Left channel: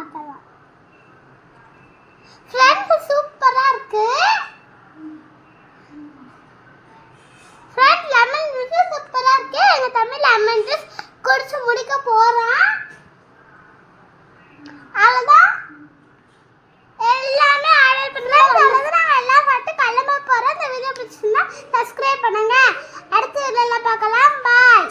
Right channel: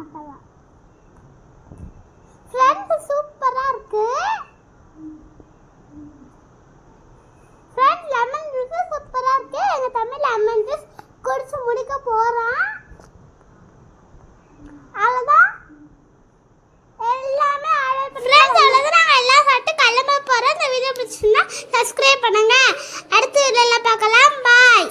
பார்க்கலாம். ஃப்ரெண்ட்ஸ் சூப்பரா இருக்கு. ஃப்ரெண்ட் லெமன் ஜூஸ் சூப்பரா இருக்கு. எங்க தம்பி லெமன் ஜூஸ் குடிச்சு முடிக்க போறான். அவ்வளவுதான், எல்லாமே ஆர்டர் பண்றேன். அவ்வளவுதான், நாங்க எல்லாம் சாப்பிட்டு கிளம்ப போறோம். இந்த வீடியோ பிடிச்சிருந்தா சப்ஸ்கிரைப் பண்ணுங்க. அடுத்த வீடியோல பார்க்கலாம். பாய்.